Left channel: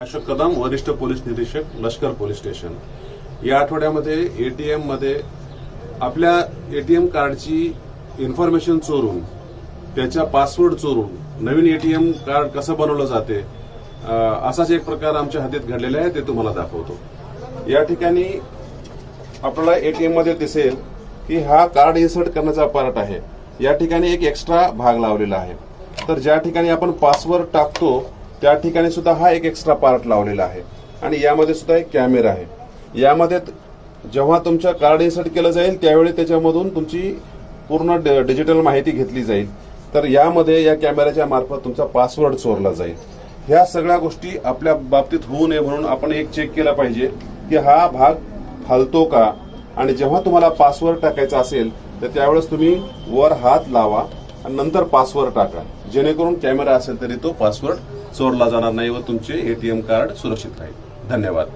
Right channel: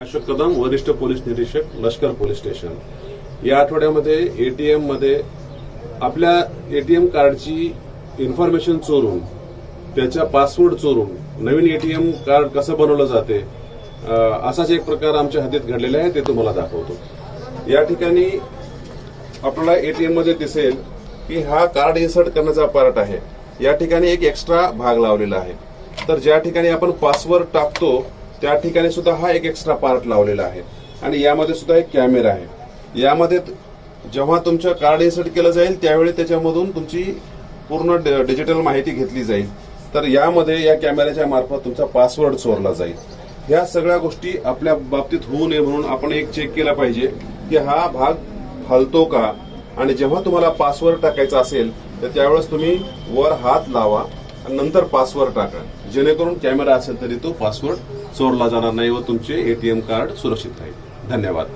अशोक कदम, वरिष्ठ पोलीस निरीक्षक, लष्कर पोलीस स्टेशन। या आठवड्यामध्ये एटीएम मध्ये आपल्या एटीएम कार्डची इन्फॉर्मेशन चोरून, त्याचा पासवर्ड चोरून नवीन एटीएम कार्ड कसं बनवलं जाते असाच एक प्रकार आमच्या हातीत घडलेला आहे, ते तुम्हाला दाखवतो। या ठिकाणी आपल्याला एटीएम मध्ये दिसेल की हा कार्ड इन्सर्ट करण्याचा पार्ट आहे। या ठिकाणी एक एक्स्ट्रा भाग लावलेला आहे, तर ज्या ठिकाणी आपण पासवर्ड टाकतो त्या ठिकाणी सुद्धा हा एक एक्स्ट्रा पार्ट लावलेला आहे आणि यामध्ये सुद्धा एक कॅमेरा आहे। यामध्ये जेव्हा तुमचं कार्ड इन्सर्ट केलं जाईल त्यावेळी त्याच्यामधून तुमची पूर्ण डिजिटल माहिती घेतली जाईल, तर यामध्ये या कॅमेऱ्याच्या मार्फत तुमचा पासवर्ड चोरला जाईल। ह्या सगळ्या गोष्टी आपल्या बाबतीत होऊ नये म्हणून आपण एक चेक केला पाहिजे की हा भाग हलतो का, आणि जेव्हा तुम्हाला पासवर्ड टाकायचा असेल तर त्यावेळेस तुम्ही वर हात लावा आणि नंतर पासवर्ड टाका, जेणेकरून कॅमेरा असेल तरी तो पासवर्ड चोरला जाणार नाही व तुमचे एटीएम कार्ड सुरक्षित राहील। धन्यवाद।